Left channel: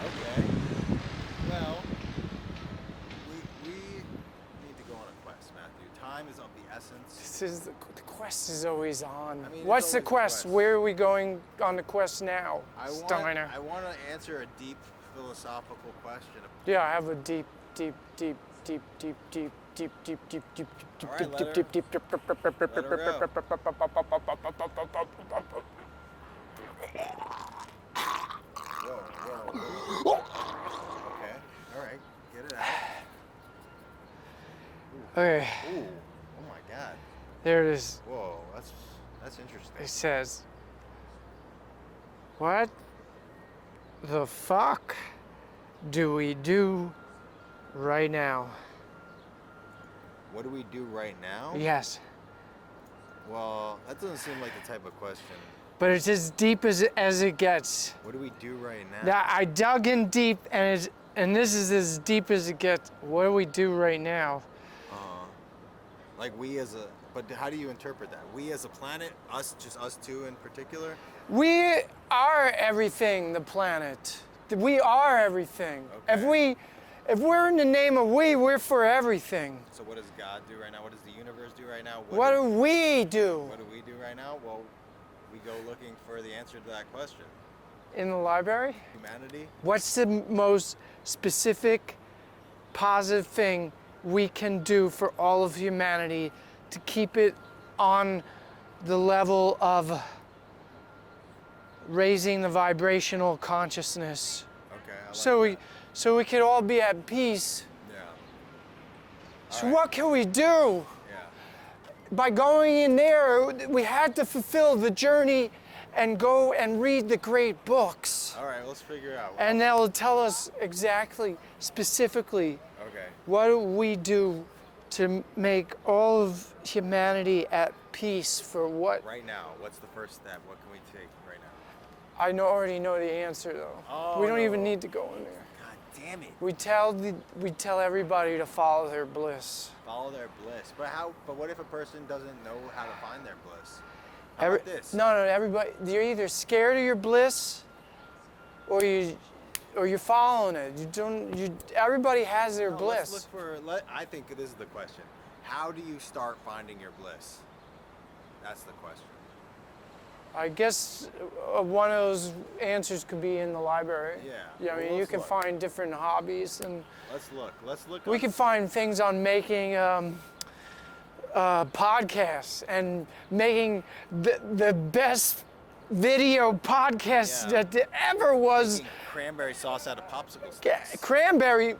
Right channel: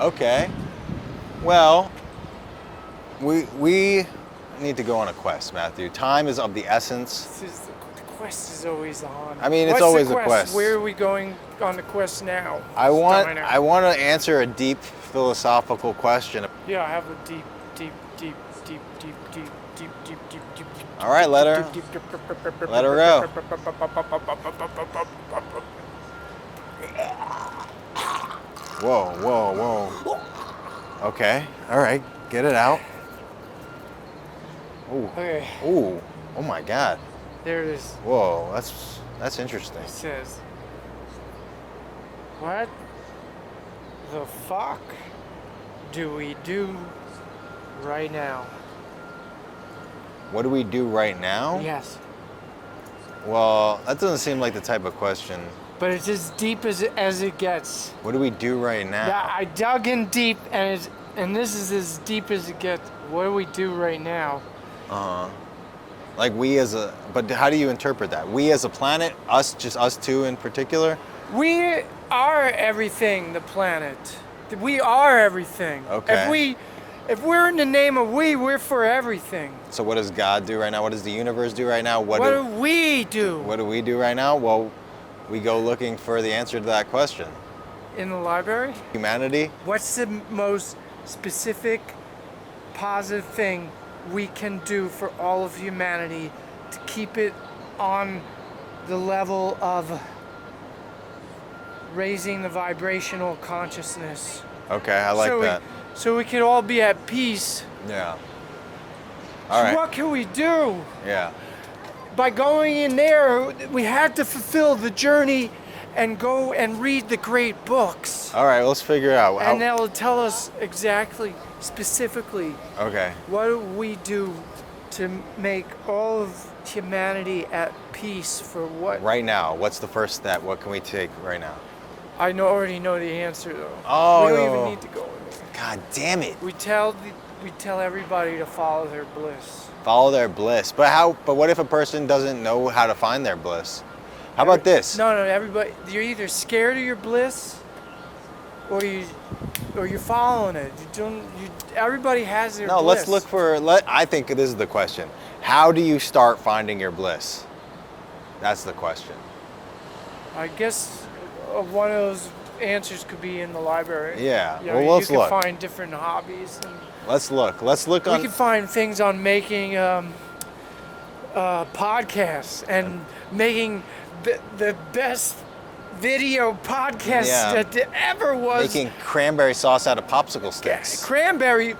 Okay. Well, we need to go on a quest, Matthew. Time is of the essence. The quest is always on. I mean, it's What's always the a quest. Where are we going on the quest now? I want Steiner? to answer a deep philosophical question. Yeah, I have a deep. All right, let her go. Whoa. Okay. All right. Get it out. Ooh. Okay. Ooh. Oh my God. There it is. Whoa. That's interesting. It says, what the fuck do we do right now? What do we do right now? Yes. Well, that doesn't seem like the type of question. But it's as deep as it gets. What do we do right now? Yeah, I dug in deep, and this is as deep as it gets. What do we do right now? Like but how do you interpret that? We as a planet, just us two in particular? We are everything, the planet. We are everything. Okay. If we're in the name of we're for everything. So what does God do right now? What does the universe do right now? What do we do? What do we do right now? Well, we go looking for the answer to that question. In the library? Humanity? What's the most specific, positive thing we can do for all of humanity to keep it on the level of raising the vibrational consciousness? Okay, I like that. So we could all be at peace. Yeah. All right. What can we do? Yeah. By going in there, we had to fulfill the journey and go and read the great books. All right, let's figure out. And they'll tell us exactly, specifically, okay. what do we do to make all of humanity at peace for what? Right now, what's the first step? What can we take right now? I already know the answer though. Oh. We don't even need to go in there. God damn it. We tell everybody to follow their bliss. Follow their bliss. But what if a person doesn't know how to find their bliss? How about this? No, everybody, you're either scared of your bliss or you're following it. Everybody has their bliss. No, let's look for, I think this is the question. How do you start finding your bliss? That's the question. I guess one of those answers could be in the library. Yeah. You know, well, let's look. You can find different hobbies. And let's look. We can find things on making podcasts and making the best video podcast that there ever was. Making cranberry sauce out of popsicle sticks. Cranberry.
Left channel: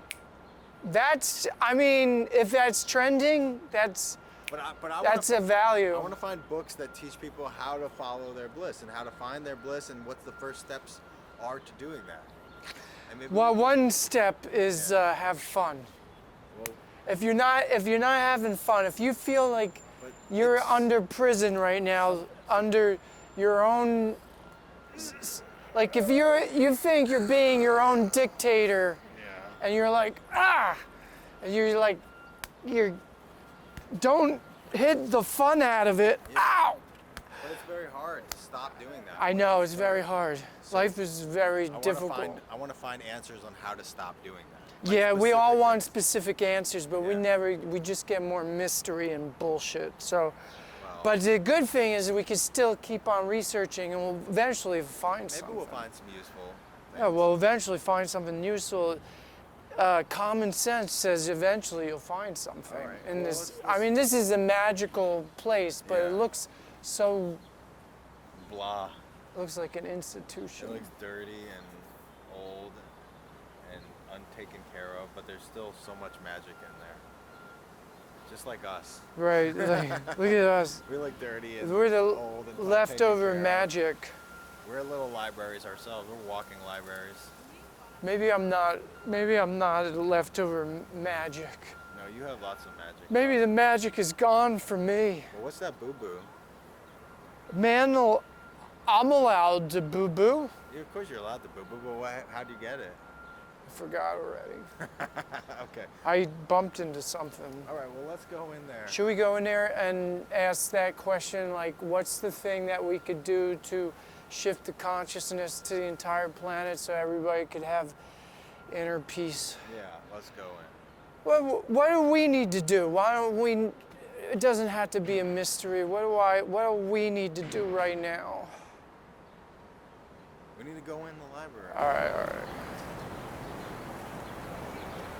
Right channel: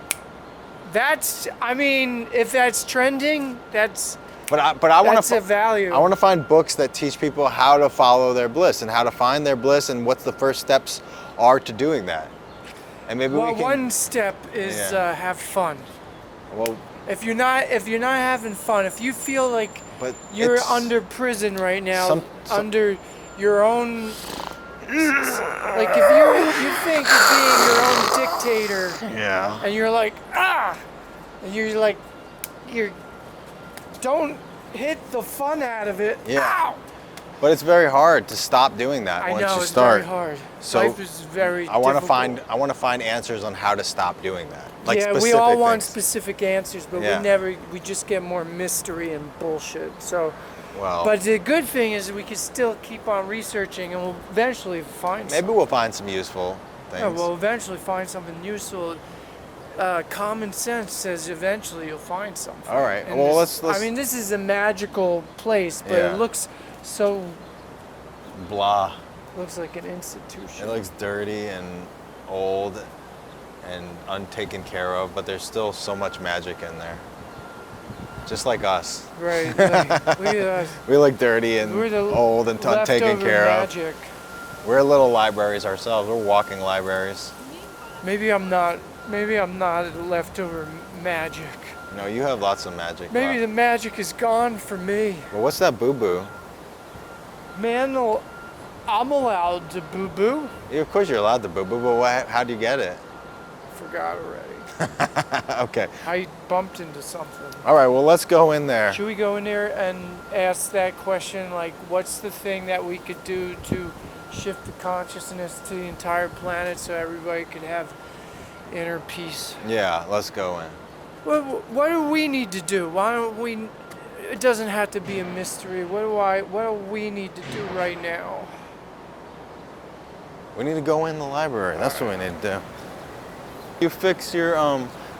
If that's trending, that's. But I want to value. I want to find books that teach people how to follow their bliss and how to find their bliss and what the first steps are to doing that. And maybe one step is have fun. Well, if you're not having fun, if you feel like you're under prison right now, under your own, like if you think you're being your own dictator, and you're like don't hit the fun out of it. Yeah. Ow! But it's very hard to stop doing that once you start. Very hard. So life is very difficult. I want to find answers on how to stop doing that. Like we all want things. specific answers, but we just get more mystery and bullshit. So but the good thing is we can still keep on researching and we'll eventually find something. We'll find some useful things. No, we'll eventually find something useful. Common sense says eventually you'll find something. All right. And well, let's. I mean, this is a magical place, but it looks so. Blah. Looks like an institution. It looks dirty and old and untaken care of, but there's still so much magic in there. Just like us. Right. Look at us. We look dirty and old and taken care magic. of. We're little libraries ourselves. We're walking libraries. Maybe I'm not leftover magic. No, you have lots of magic. Maybe the magic is gone for me. Well, what's that boo-boo? Man, I'm allowed to boo-boo. Yeah, of course you're allowed to boo-boo, but how do you get it? forgot already. Okay. I bumped into something. All right, well, let's go in there. Should we go in there and ask that question, like, what's the thing that we could do to shift the consciousness to the entire planet so everybody could have inner peace? Yeah, let's go in. Well, what do we need to do? Why don't we? It doesn't have to be a mystery. What do we need to do right now? We need to go in the library. That's what we need to do. You fix your,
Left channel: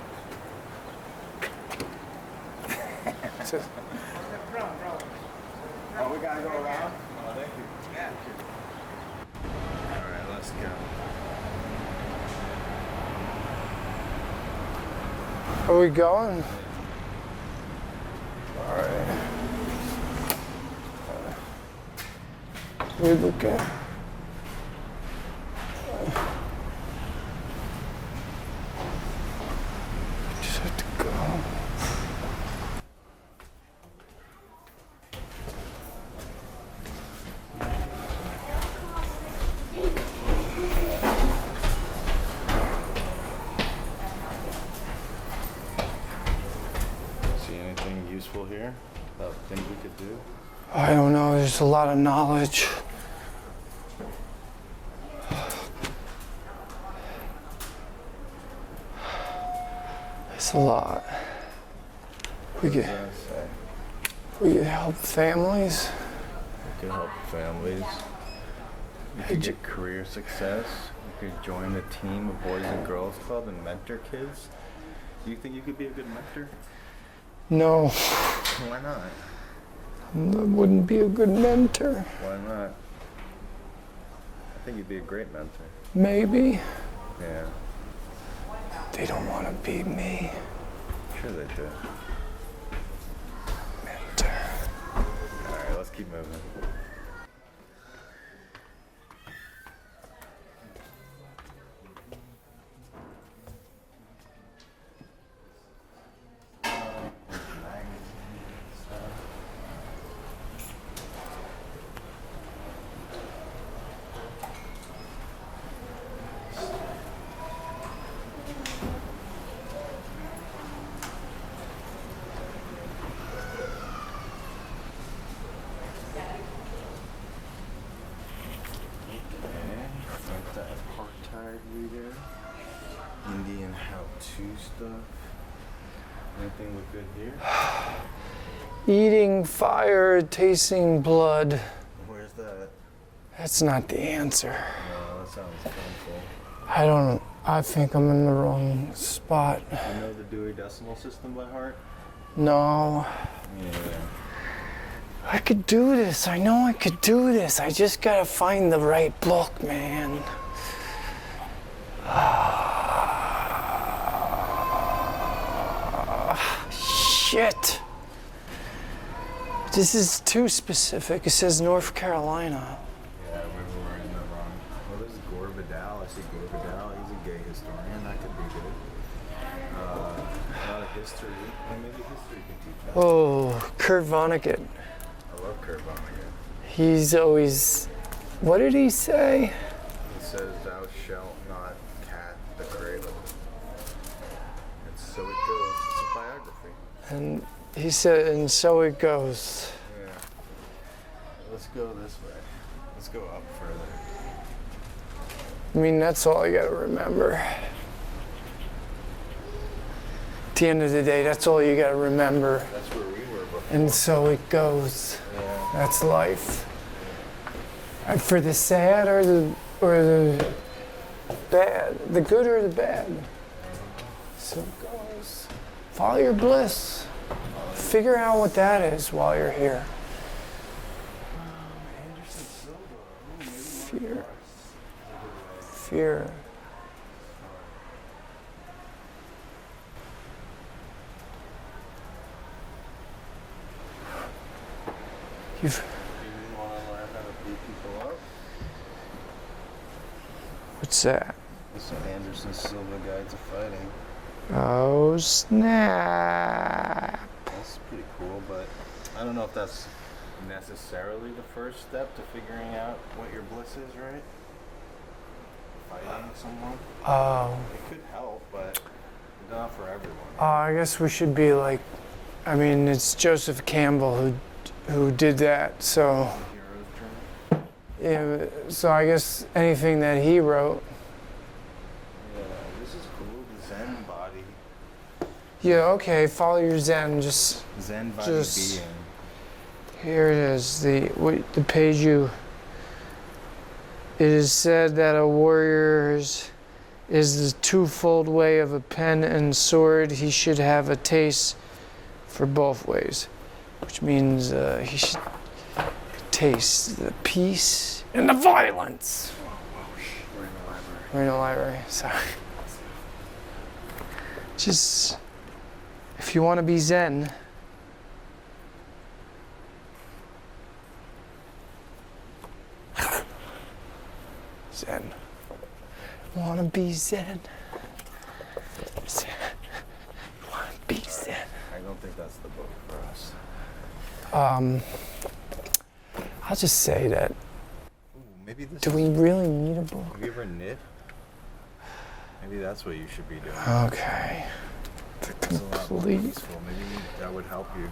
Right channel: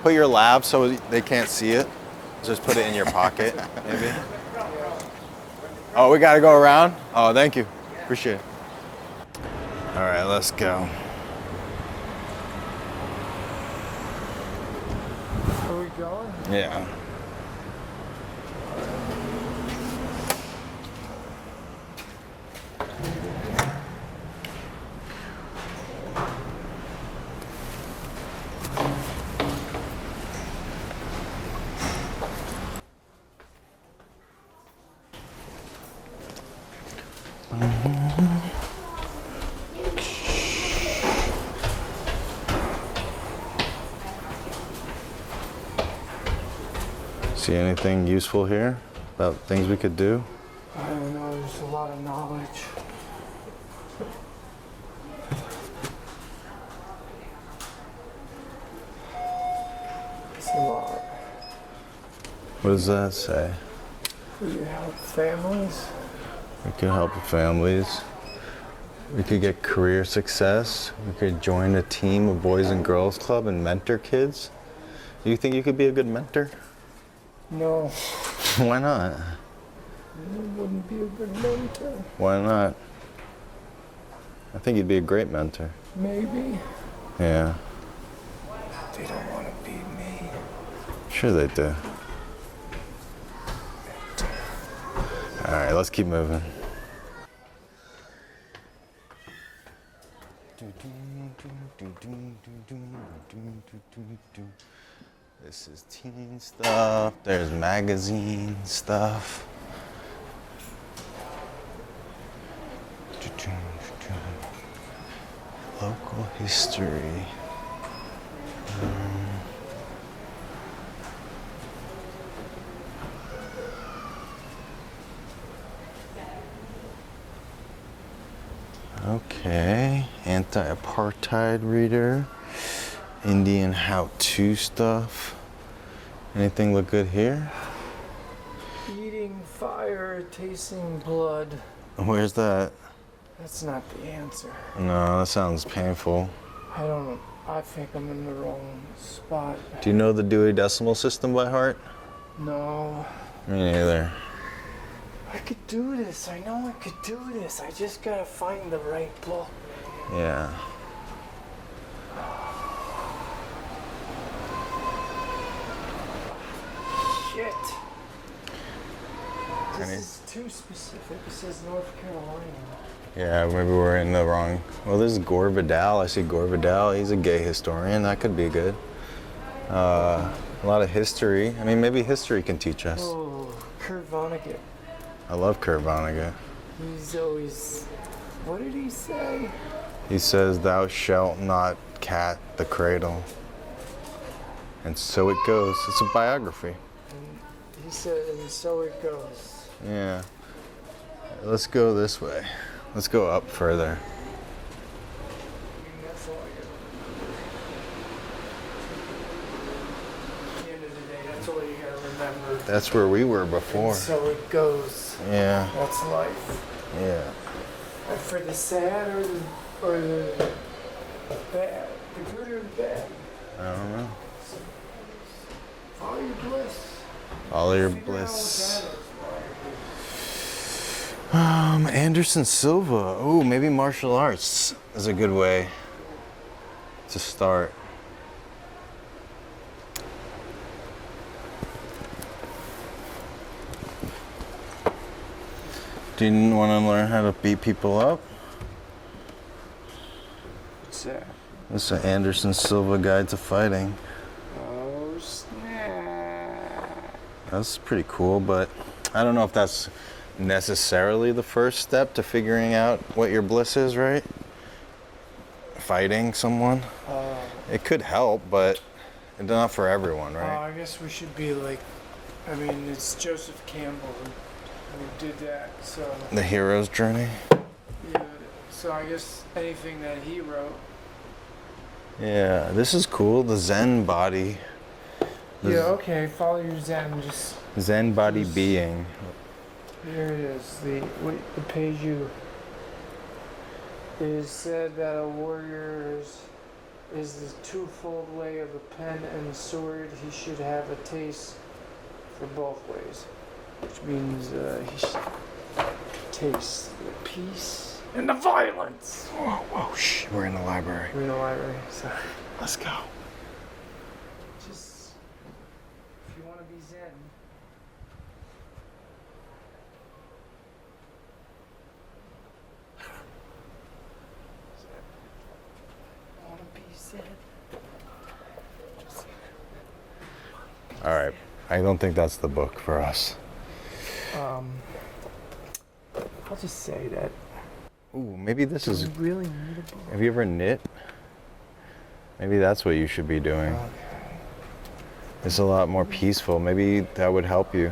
put your lab so they can't see it. Just put it in your pocket, maybe. Oh, we gotta go around? Oh, thank you. Appreciate it. All right, let's go. Are we going? Yeah. All right. Here we go. Just have to go. See anything useful here about things we could do? I don't know. There's a lot of knowledge. It's a lot. What does that say? We could help families. We could help families. We could get career success. We could join a team of Boys and Girls Club and mentor kids. Do you think you could be a good mentor? No. Why not? I wouldn't be a good mentor. Why not? I think you'd be a great mentor. Maybe. Yeah. They don't want to be me. Sure they do. All right, let's keep moving. This is teen stuff. There's magazine stuff. Local history. Okay, anti-apartheid reader, Indian how-to stuff. Anything look good here? Eating fire, tasting blood. Where's that? That's not the answer. No, that sounds painful. I think I'm in the wrong spot. Do you know the Dewey Decimal System by heart? No. Me neither. I could do this. I know I could do this. I just gotta find the right book, man. Yeah. Shit. This is too specific. It says North Carolina. Yeah, maybe we're in the wrong. Well, this is Gore Vidal. I see Gore Vidal. He's a gay historian. That could be good. A lot of history. I mean, maybe history can teach us. Oh, Kurt Vonnegut. I love Kurt Vonnegut. He's always, what did he say? He says, "Thou shalt not cat the cradle." And so it goes. It's a biography. And he said, and so it goes. Yeah. Let's go this way. Let's go up further. I mean, that's all you gotta remember. At the end of the day, that's all you gotta remember. That's where we were before. And so it goes. Yeah. That's life. Yeah. And for the sad or the bad, the good or the bad. I don't know. So it goes. Follow your bliss. Follow your Figure bliss. out what that is while you're here. Anderson Silva. Oh, maybe martial arts is a good way Fear. to start. Do you want to learn how to beat people up? What's that? It's an Anderson Silva Guide to Fighting. Oh, snap. That's pretty cool, but I don't know if that's necessarily the first step to figuring out what your bliss is, right? fighting someone. It could help, but it's not for everyone, right? I guess we should be like, I mean, it's Joseph Campbell who did that, so. The hero's journey? Yeah, so I guess anything that he wrote. Yeah, this is cool, the Zen body. Yeah, okay, follow your Zen, just. Zen body being. Here it is, the page you. It is said that a warrior is the twofold way of a pen and sword. He should have a taste for both ways, which means he should taste the peace and the violence. Whoa, shh, we're in the library. We're in the library, sorry. Let's go. Just, if you want to be Zen, Zen. Wanna be Zen. Zen. Wanna be Zen. All right. I don't think that's the book for us. I'll just say that. Ooh, maybe this Do is. we really need a book? Have you ever knit? Maybe that's what you should be doing. Okay. It's a lot more peaceful. Maybe that would help you.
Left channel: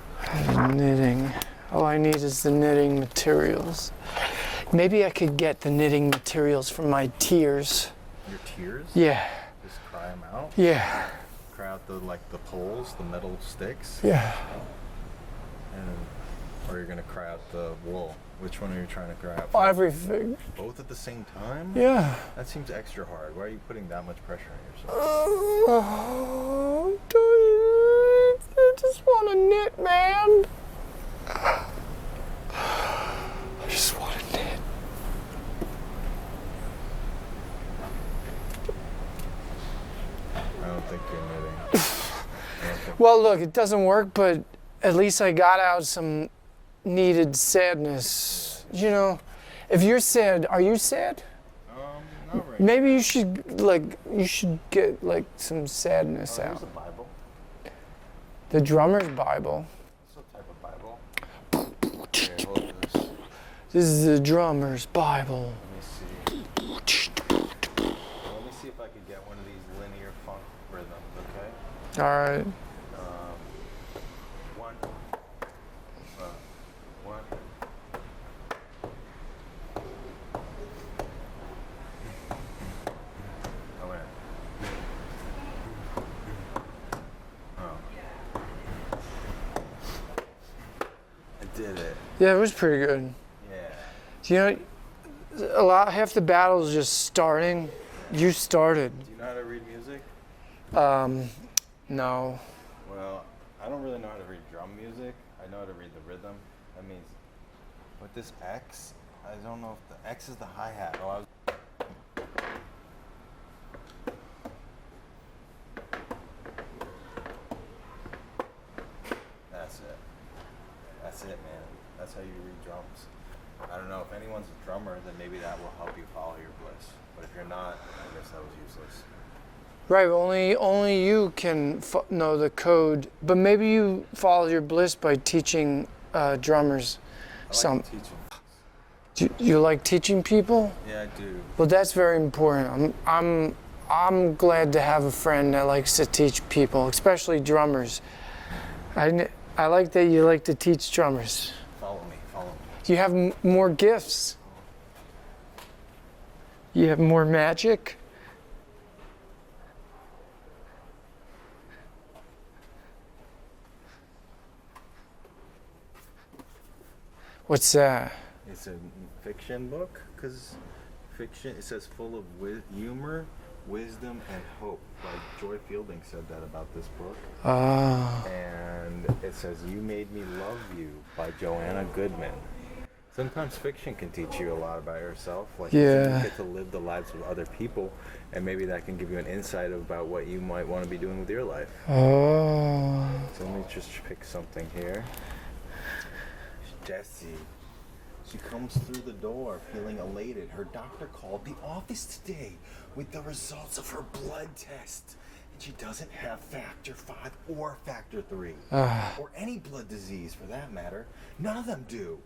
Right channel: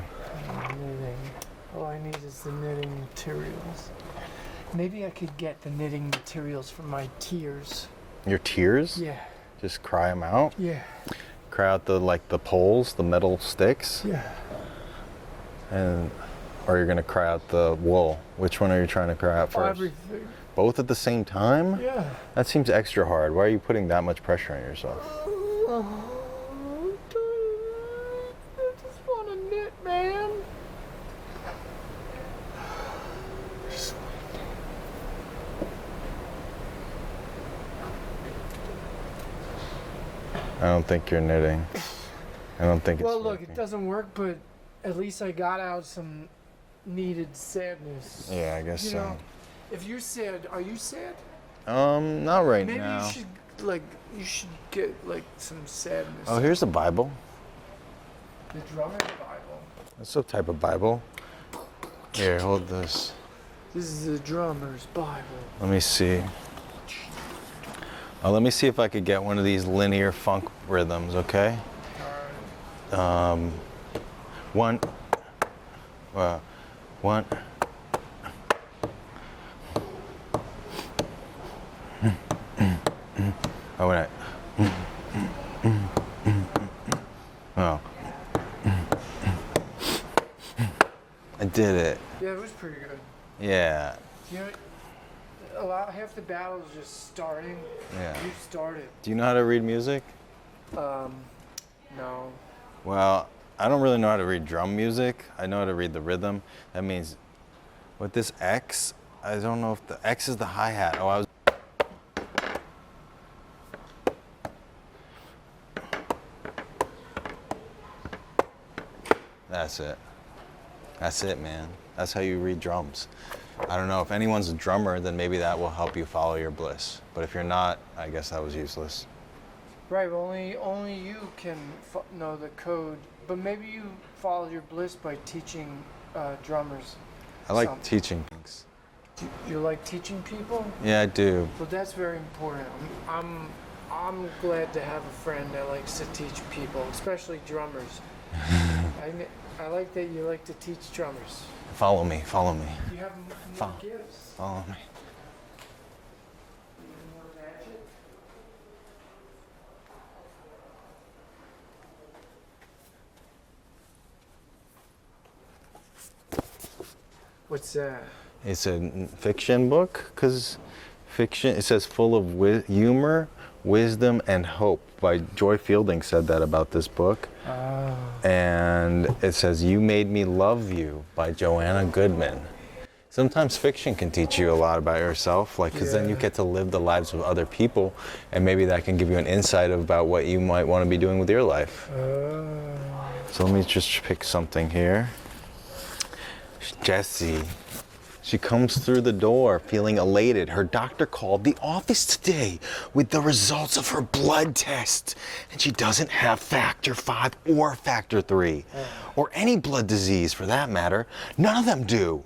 Knitting. All I need is the knitting materials. Maybe I could get the knitting materials from my tears. Your tears? Yeah. Just cry them out? Yeah. Cry out the poles, the metal sticks? Yeah. Or you're gonna cry out the wool. Which one are you trying to cry out first? Everything. Both at the same time? Yeah. That seems extra hard. Why are you putting that much pressure on yourself? I just want to knit, man. I just want to knit. I don't think you're knitting. I don't think. Well, look, it doesn't work, but at least I got out some needed sadness. Yeah, I guess You so. know, if you're sad, are you sad? Not right now. Maybe you should get like some sadness. Oh, here's the Bible. The drummer's Bible. That's a type of Bible. Here, hold this. This is the drummer's Bible. Let me see. Let me see if I could get one of these linear funk rhythms, okay? All right. One. Oh, wait. Oh. I did it. Yeah, it was pretty good. Yeah. Do you know, half the battle is just starting. Yeah. You started. Do you know how to read music? No. Well, I don't really know how to read drum music. I know how to read the rhythm. That means with this X, I don't know if the X is the hi-hat. Oh, I was. That's it. That's it, man. That's how you read drums. I don't know, if anyone's a drummer, then maybe that will help you follow your bliss. But if you're not, I guess that was useless. Right, only you can know the code. But maybe you follow your bliss by teaching drummers. I like teaching things. Do you like teaching people? Yeah, I do. Well, that's very important. I'm glad to have a friend that likes to teach people, especially drummers. I like that you like to teach drummers. Follow me, follow me. You have more gifts. Follow me. You have more magic. What's that? It's a fiction book, because fiction, it says full of humor, wisdom, and hope. By Joy Fielding said that about this book. And it says, You Made Me Love You by Joanna Goodman. Sometimes fiction can teach you a lot about yourself, like, 'cause then you get to live the lives of other people, and maybe that can give you an insight about what you might want to be doing with your life. So let me just pick something here. Jessie. She comes through the door feeling elated. Her doctor called the office today with the results of her blood test. And she doesn't have factor 5 or factor 3. Or any blood disease for that matter. None of them do.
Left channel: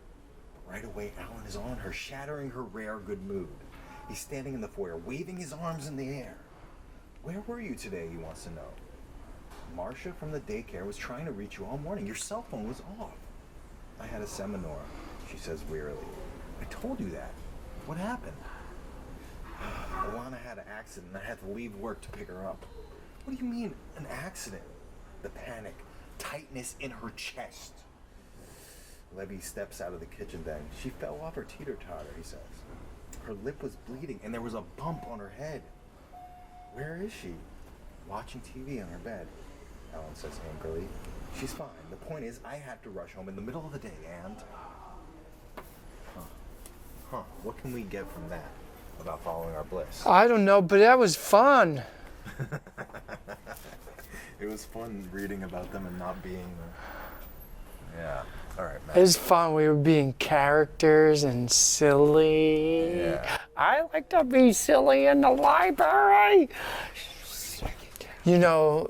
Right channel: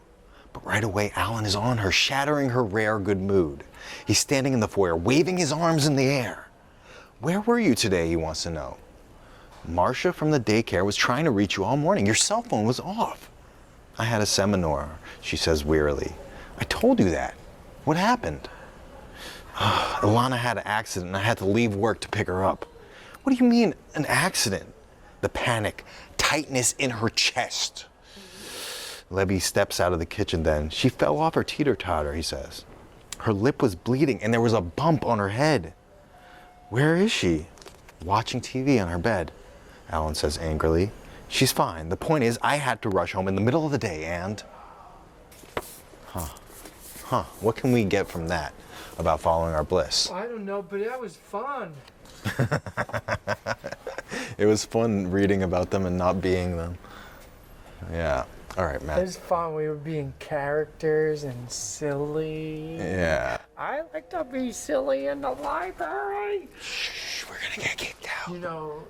But right away, Alan is on her, shattering her rare good mood. He's standing in the foyer, waving his arms in the air. Where were you today, he wants to know. Marcia from the daycare was trying to reach you all morning. Your cell phone was off. I had a seminar, she says wearily. I told you that. What happened? Ilana had an accident and I had to leave work to pick her up. What do you mean, an accident? The panic, tightness in her chest. Levy steps out of the kitchen then. She fell off her teeter-totter, he says. Her lip was bleeding and there was a bump on her head. Where is she? Watching TV on her bed, Alan says angrily. She's fine. The point is, I had to rush home in the middle of the day and... What can we get from that about following our bliss? I don't know, but that was fun. It was fun reading about them and not being them. Yeah. All right, Matt. It was fun. We were being characters and silly. Yeah. I like to be silly in the library. Shh, we're gonna get kicked out. You know,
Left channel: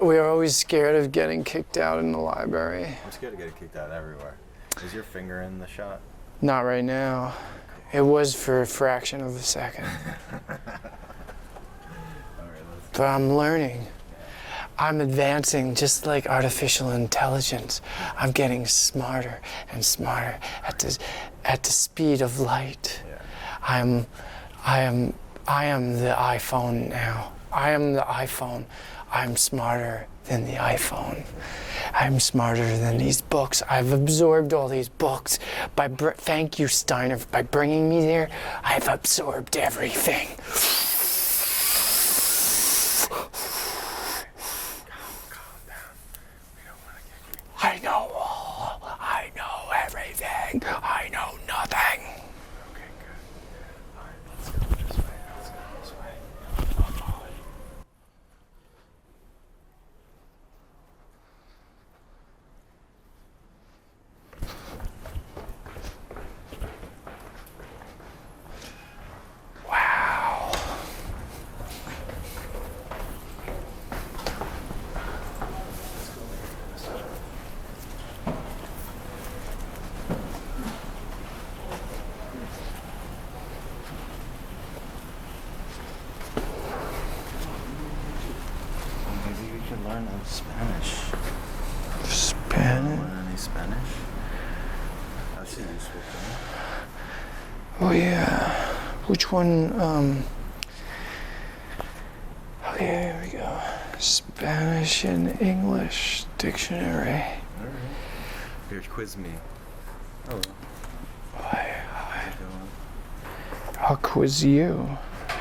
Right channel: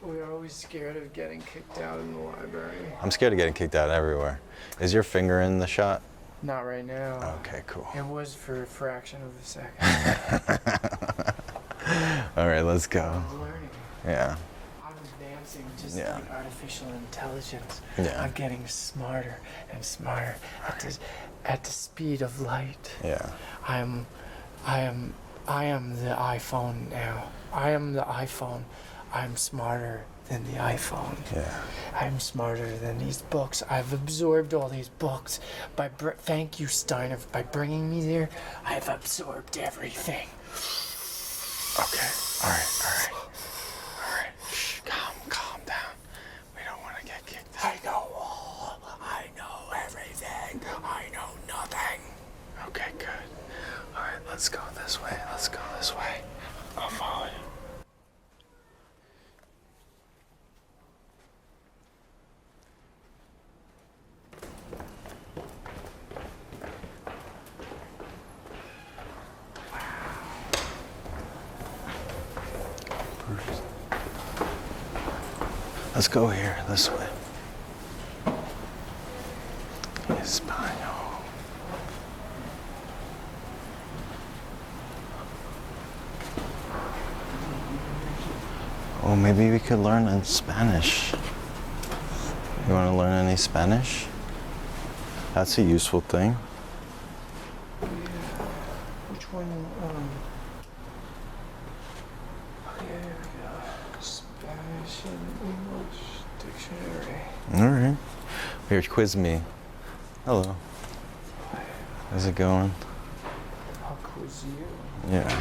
we are always scared of getting kicked out in the library. I'm scared of getting kicked out everywhere. Is your finger in the shot? Not right now. Okay, cool. It was for a fraction of a second. All right, let's go. But I'm learning. Yeah. I'm advancing just like artificial intelligence. Yeah. I'm getting smarter and smarter at the speed of light. Yeah. I am the iPhone now. I am the iPhone. I'm smarter than the iPhone. Yeah. I'm smarter than these books. I've absorbed all these books. Thank you, Steiner, by bringing me there. I've absorbed everything. Okay. All right. Calm down. We don't want to get kicked out. I know all. I know everything. I know nothing. Okay, good. All right, let's go this way. Let's go this way. I'll follow you. Wow. Let's go here, this way. Espanol. Well, maybe we could learn in Spanish. You want to learn any Spanish? That's a useful thing. Oh yeah. Which one? Okay, here we go. Spanish and English dictionary. All right. Here, quiz me. Hello. Hi. How's it going? I'll quiz you. Yeah.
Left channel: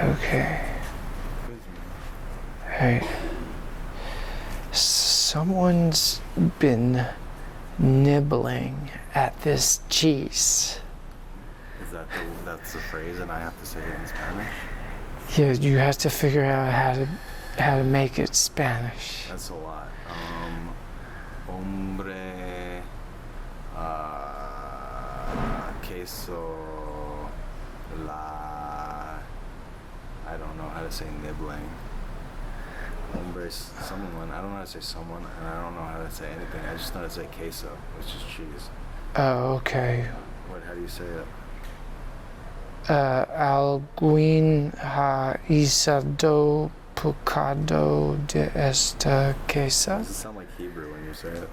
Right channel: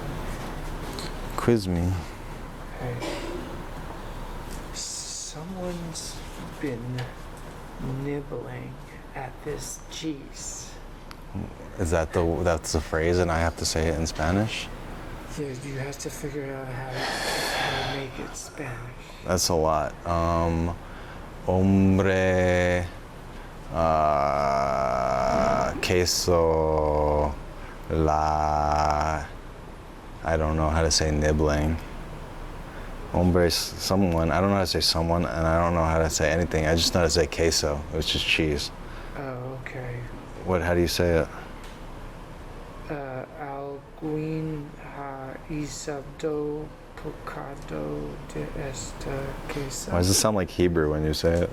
Okay. Quiz me. Hey. Someone's been nibbling at this cheese. Is that that's the phrase and I have to say it in Spanish? Yeah, you have to figure out how to make it Spanish. That's a lot. Hombre, queso, la. I don't know how to say nibbling. Hombre is someone. I don't know how to say someone, and I don't know how to say anything. I just know how to say queso, which is cheese. Oh, okay. What? How do you say it? Alguien ha isado pecado de esta queso. Why does it sound like Hebrew when you say it?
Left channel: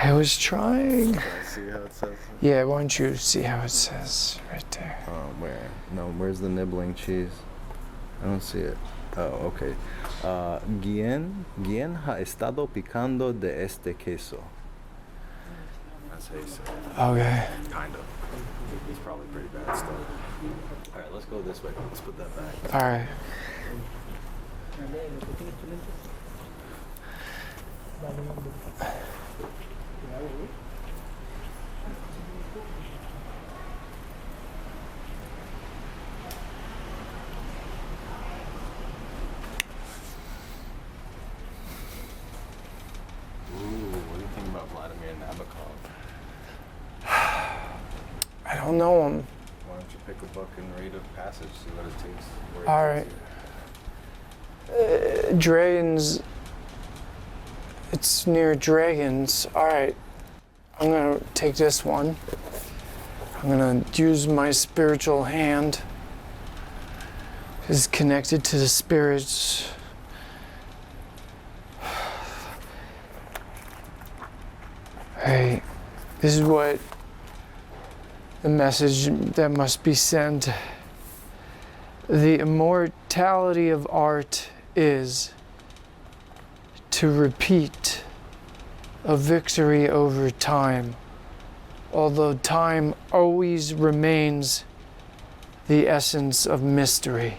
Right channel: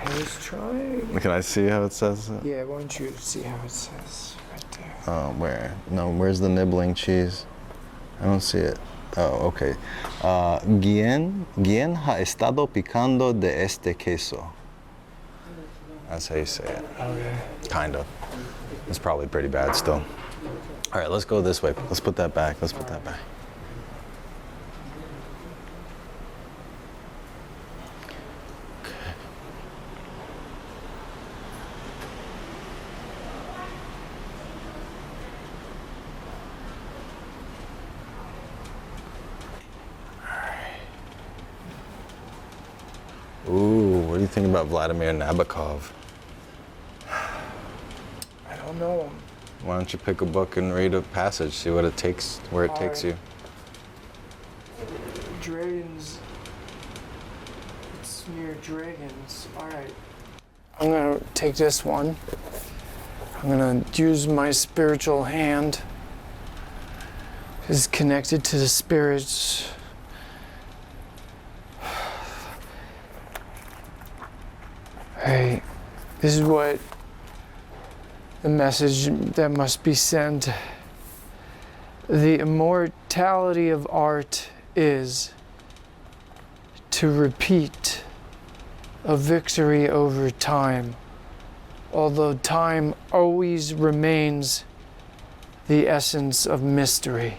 I was trying. Can I see how it says it? Yeah, why don't you see how it says right there? Oh, where? No, where's the nibbling cheese? I don't see it. Oh, okay. ¿Quién ha estado picando de este queso? That's how you say it. Okay. Kind of. It's probably pretty bad still. All right, let's go this way. Let's put that back. Let's put that back. Ooh, what do you think about Vladimir Nabokov? I don't know him. Why don't you pick a book and read a passage, see what it takes, where it takes you? Dragons It's near dragons. All right. I'm gonna take this one. I'm gonna use my spiritual hand. It's connected to the spirits. Hey, this is what the message that must be sent. The immortality of art is to repeat a victory over time, although time always remains the essence of mystery.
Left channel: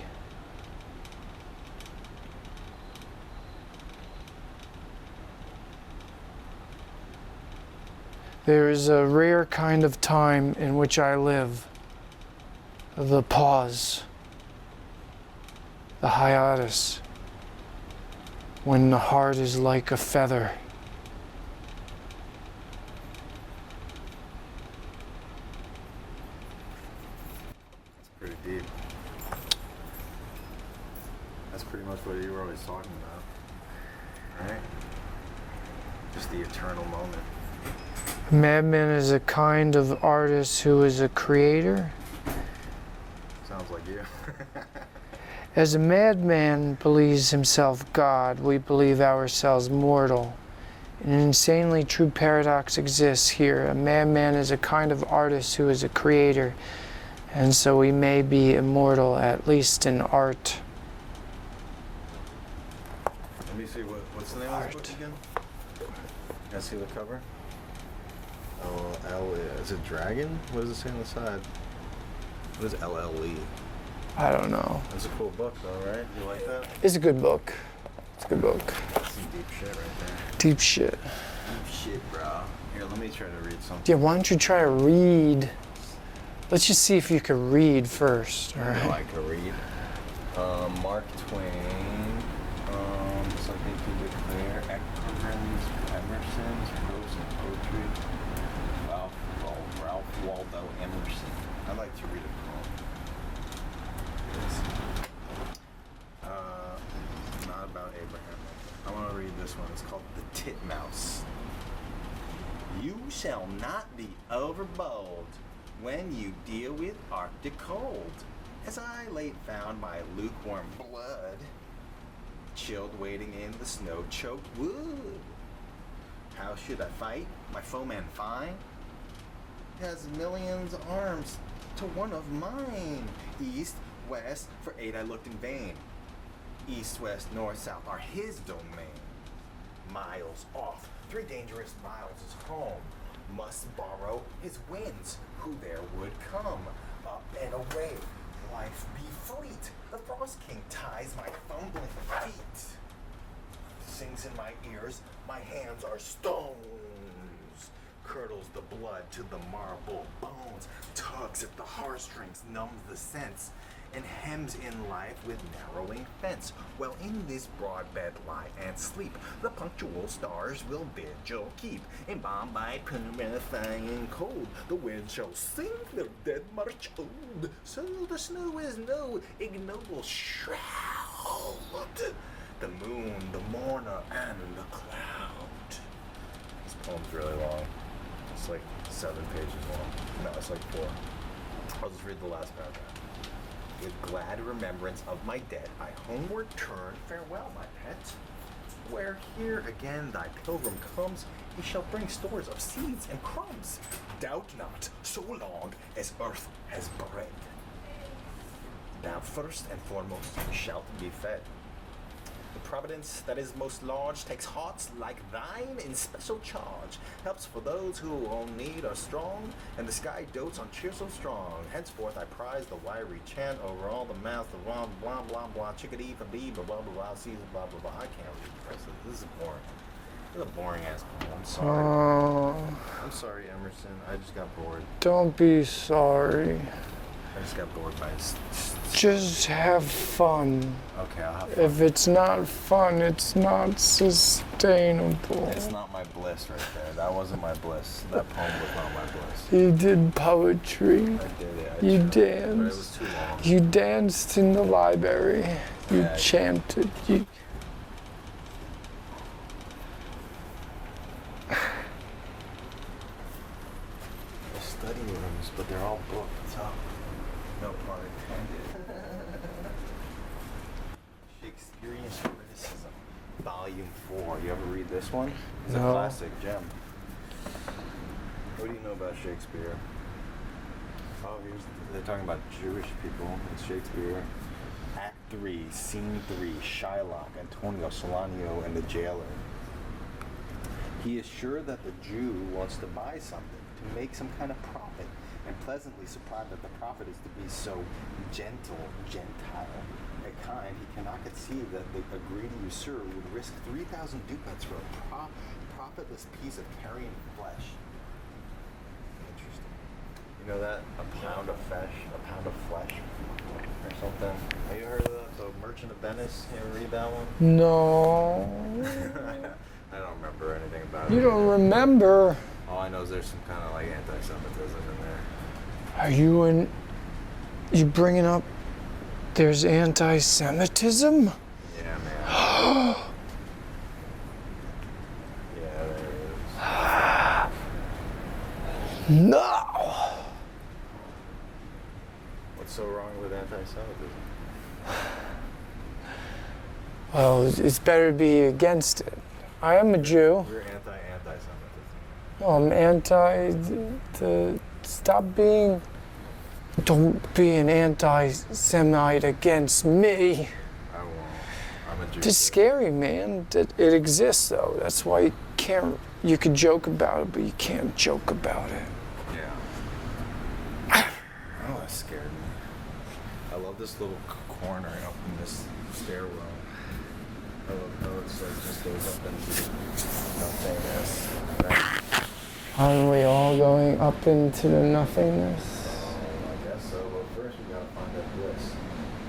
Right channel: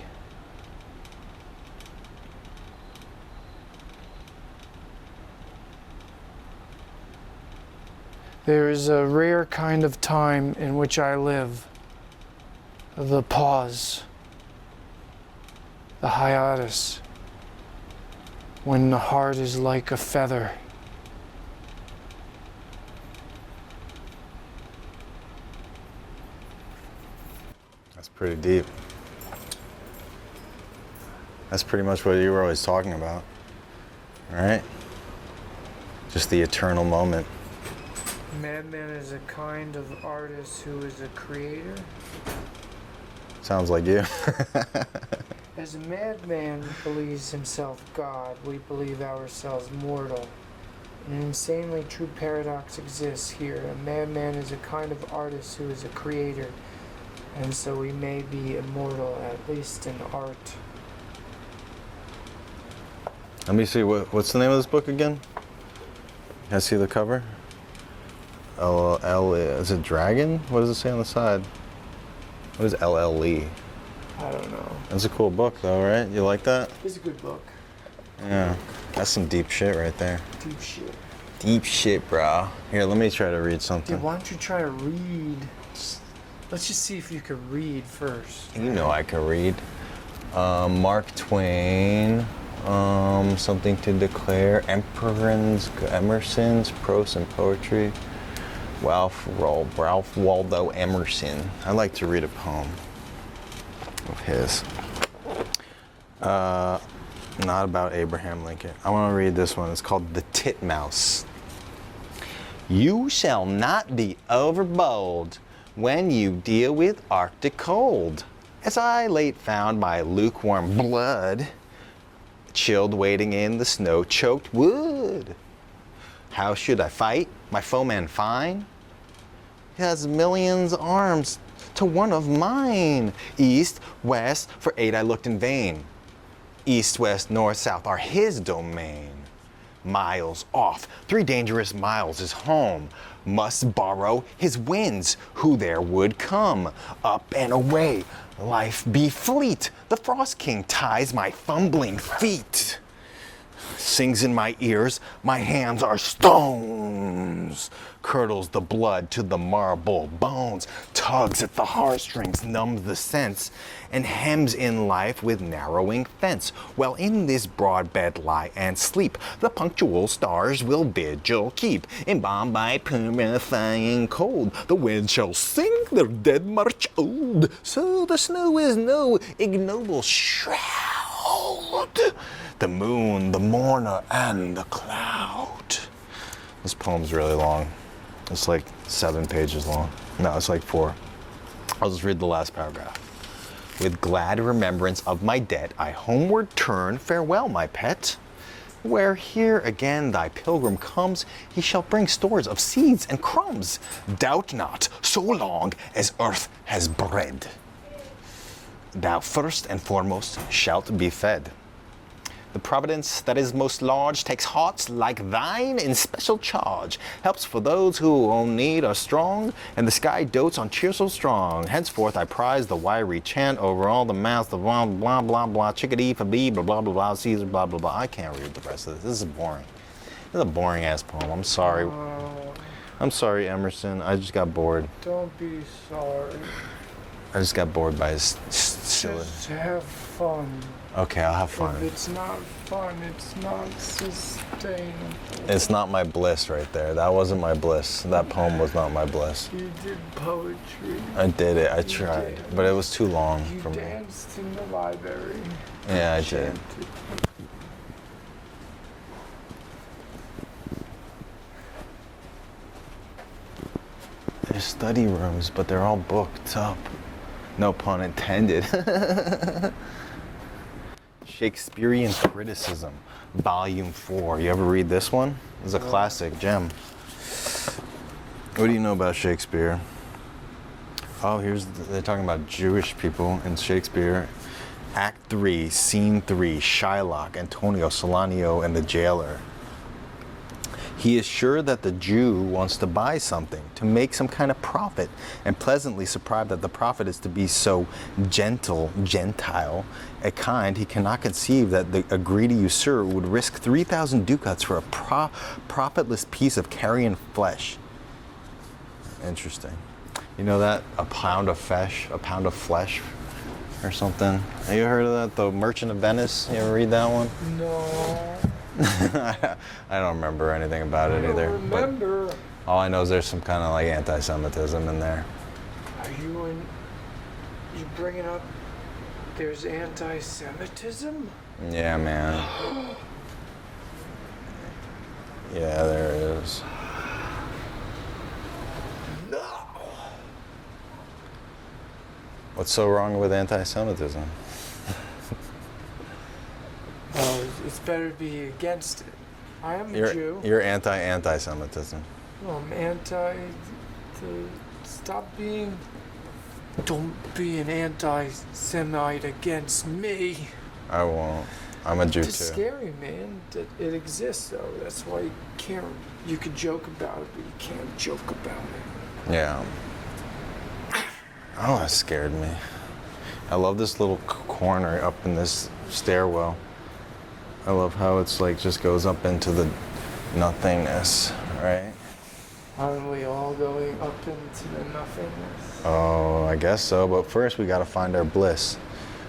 There is a rare kind of time in which I live, the pause, the hiatus, when the heart is like a feather. That's pretty deep. That's pretty much what you were always talking about, right? Just the eternal moment. Madman is a kind of artist who is a creator. Sounds like you. As a madman believes himself God, we believe ourselves mortal. An insanely true paradox exists here. A madman is a kind of artist who is a creator, and so we may be immortal, at least in art. Let me see, what's the name of this book again? Can I see the cover? Is it dragon? What does it say on the side? What is LLE? I don't know. That's a cool book though, right? You like that? It's a good book. It's a good book. That's some deep shit right there. Deep shit. Deep shit, bro. Here, let me try to read something. Yeah, why don't you try to read? Let's just see if you can read first. You know I can read. Mark Twain. Something to declare. Emerson's prose and poetry. Ralph Waldo Emerson. I like to read a poem of his. Not about Abraham Lincoln. I want to read this one. It's called The Titmouse. You shall not be overbold when you deal with Arctic cold. As I late found my lukewarm blood, chilled waiting in the snow-choked wood. How should I fight my foeman fine? He has millions arms to one of mine. East, west, for 8 I looked in vain. East, west, north, south are his domain. Miles off, 3 dangerous miles is home. Must borrow his winds, who there would come. Up and away, life be fleet. The Frost King ties my fumbling feet. Sings in my ears, my hands are stones. Curdles the blood to the marble bones. Tugs at the heartstrings, numbs the sense. And hems in life with narrowing fence. Well, in this broad bed lie and sleep. The punctual stars will vigil keep. Embalmed by purifying cold. The wind shall sing their dead march old. So the snow is no ignoble shroud. The moon, the mourner, and the cloud. This poem's really long. It's like 7 pages long. No, it's like 4. I'll just read the last paragraph. With glad remembrance of my debt, I homeward turn. Farewell, my pet. Where here again thy pilgrim comes, he shall bring stores of seeds and crumbs. Doubt not, so long as earth has bread, thou first and foremost shalt be fed. The providence that is most large takes hearts like thine in special charge, helps for those who on need are strong, and the sky dotes on cheer so strong. Henceforth I prize the wiry chant over all the mouths of blah blah blah blah chickadee for bee blah blah blah blah Caesar blah blah blah. I can't read the rest of this. This is boring. This is a boring ass poem. I'm sorry. I'm sorry, Emerson. I just got bored. Don't be sorry. I just got bored by his. Just have fun. Okay, I'll have fun. If it's not fun, it's not sustainable. It's not my bliss right there. That wasn't my bliss. That poem was not my bliss. You did poetry. I did it. I tried. Danced. But it was too long. You danced in the library. Yeah, you chanted. study rooms, but they're all booked up. No pun intended. Shakespearean Criticism, Volume 4. You ever read this one? It's a classic gem. What do you know about Shakespeare? Oh, they're talking about Jewish people in Shakespeare. Act 3, Scene 3, Shylock, Antonio, Salanio, and the jailer. He is sure that the Jew wants to buy something, to make some kind of profit, and pleasantly surprised that the profit is to be so gentile, a kind he cannot conceive that a greedy usurer would risk 3,000 ducats for a profitless piece of carrion flesh. Interesting. You know that? A pound of flesh or something. Have you heard of that? The Merchant of Venice? You ever read that one? No. I don't remember anything about it You either. don't remember? All I know is there's some kind of like anti-Semitism in there. Are you bringing up there's anti-Semitism? Yeah, man. Yeah, there is. No. What's so wrong with anti-Semitism? Well, it's better to be against it. I am a Jew. You're anti-Semitism. Well, I'm don't be an anti-Semite against me. I won't. I'm a Jew It's too. scary, man, that it exists, though. That's why you can joke about it, but you can't joke about it. Yeah. Oh, that scared me. I love this little corner up in this stairwell. I love how it's like just goes up into the nothingness, right? Aren't we all going up into the nothingness? Oh, I guess so, but first we gotta find our bliss.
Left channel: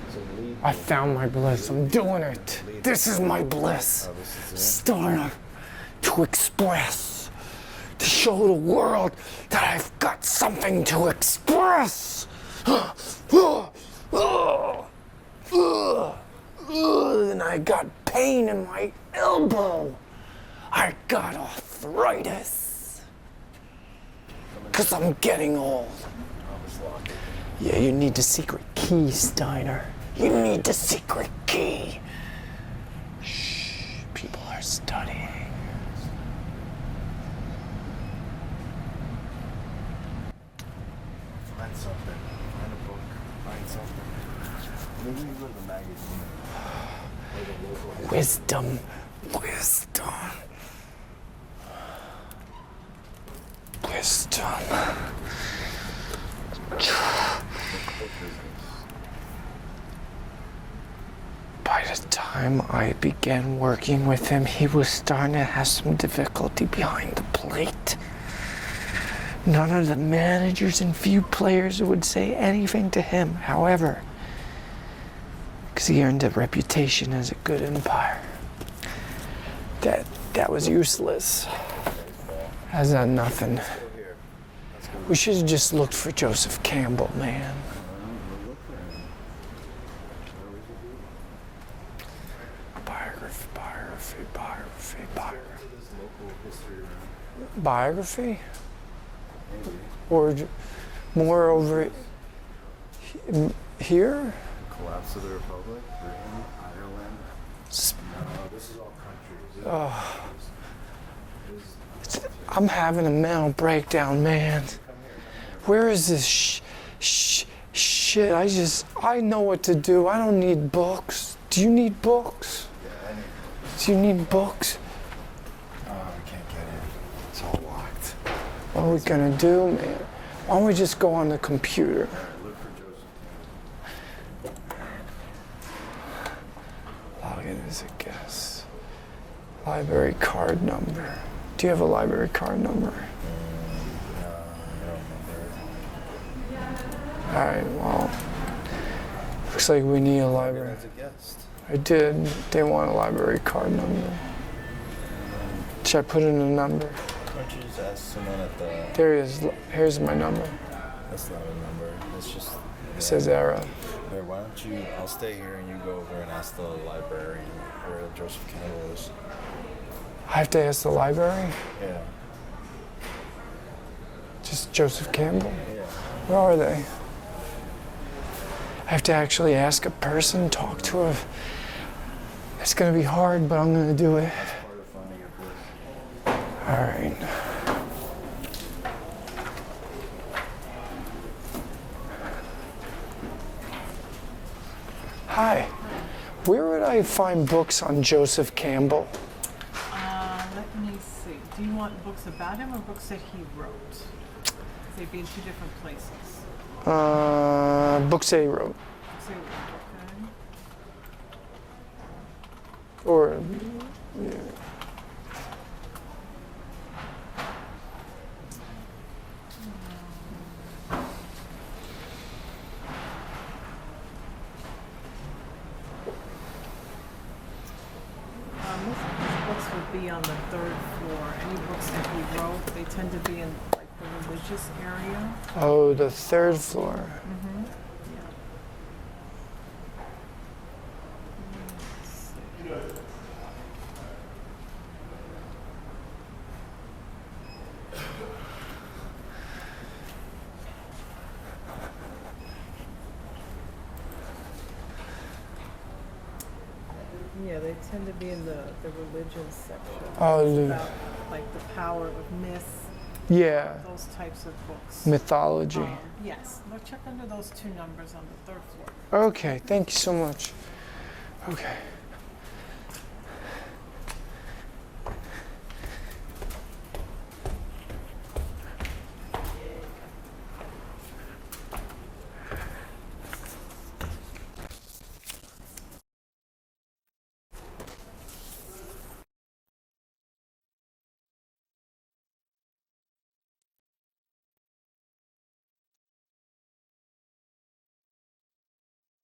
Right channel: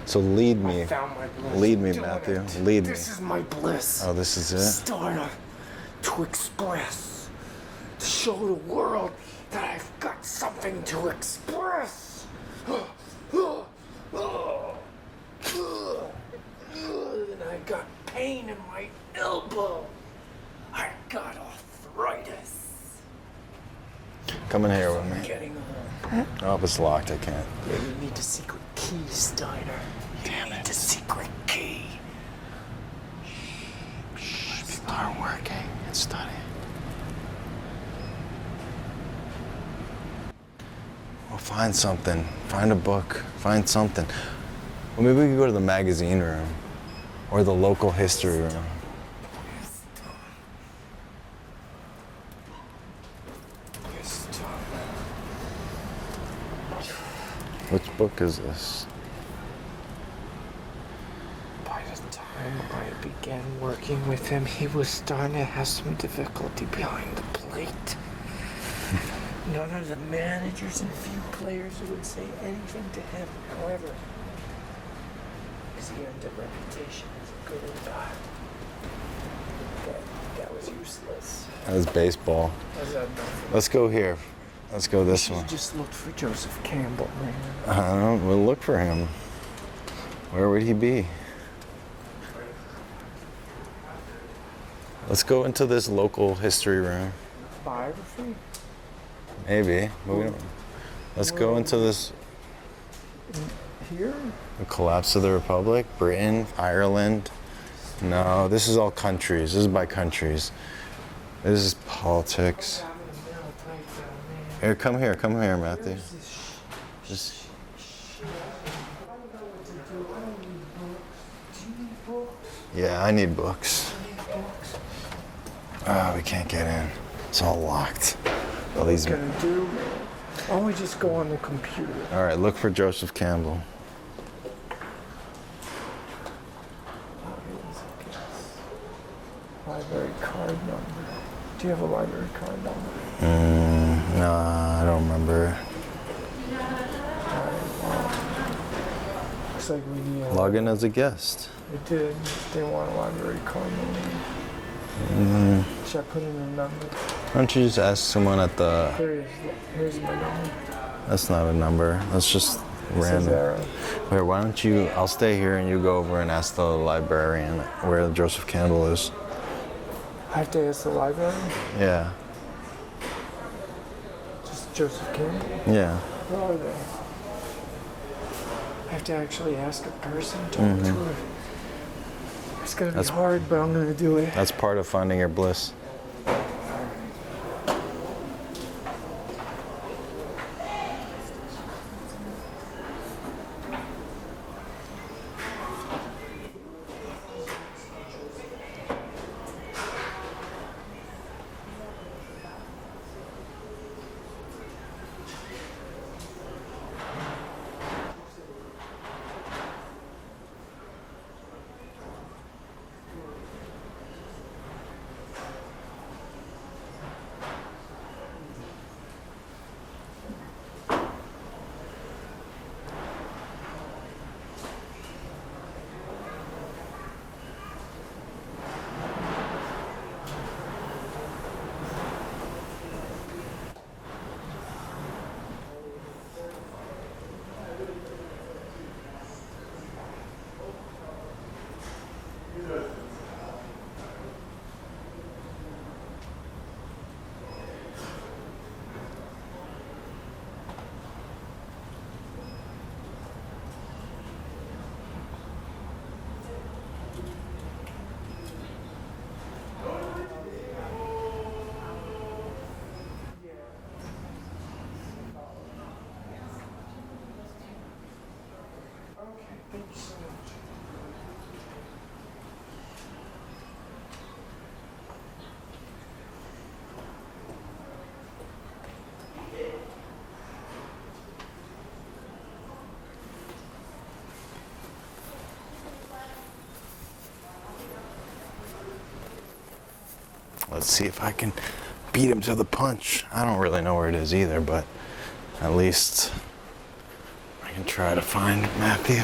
So lead me. I found my bliss. Lead I'm me, doing Matthew. it. Lead me. This is my bliss. Oh, this is it? Steiner, to express, to show the world that I've got something to express. And I got pain in my elbow. I got arthritis. Come in here. Because with I'm me. getting old. Oh, it's locked. I can't. Yeah, you need the secret key, Steiner. You need the secret key. Shh, people are studying. It's studying. Well, find something. Find a book. Find something. Well, maybe we could go to the magazine room or the local history room. Wisdom. Which book is this? By the time I began working with him, he was starting to have some difficulty behind the plate. None of the managers and few players would say anything to him, however, because he earned a reputation as a good umpire. That was useless. That was baseball. Has done nothing. Let's go here. Let's go this We should way. have just looked for Joseph Campbell, man. We'll look for him. Where would he be? Biography. Let's go into this local history room. Biography? Maybe. Or Let's more go into over this. Here? The collapse of the Republic, Britain, Ireland. No, this is all countries. This is by countries. This is politics. I'm having a mental breakdown, man. Here, come here, Matthew. Where is this shit? I know what to do. I don't need books. Do you need books? Yeah, I need books. Do you need books? Oh, we can't get in. It's all locked. What are we gonna do? Why don't we just go on the computer? All right, look for Joseph Campbell. Login as a guest. Library card number. Do you have a library card number? No, I don't remember. All right, well, looks like we need a Log in as a guest. I did. They want a library card number. Should I put in a number? Why don't you just ask someone at the... Here it is. Here's my number. That's not a number. That's just It says random. error. Wait, why don't you... I'll stay here and you go over and ask the librarian where Joseph Campbell is. I have to ask the library? Yeah. Just Joseph Campbell? Yeah. Where are they? I have to actually ask a person, talk to a... It's gonna be hard, but I'm gonna do it. That's part of finding your bliss. All right. Hi. Where would I find books on Joseph Campbell? Let me see. Do you want books about him or books that he wrote? They'd be in two different places. Books that he wrote. Books that he wrote, okay. Or... Books would be on the third floor. Any books that he wrote, they tend to be in like the religious area. Oh, the third floor. Yeah, they tend to be in the religious section. Oh, About, like the power of myth, yeah. those types of books. Mythology. Yes. Well, check under those two numbers on the third floor. Okay, thank you so much. Okay. Let's see if I can beat him to the punch. I don't really know where it is either, but at least I can try to find Matthew.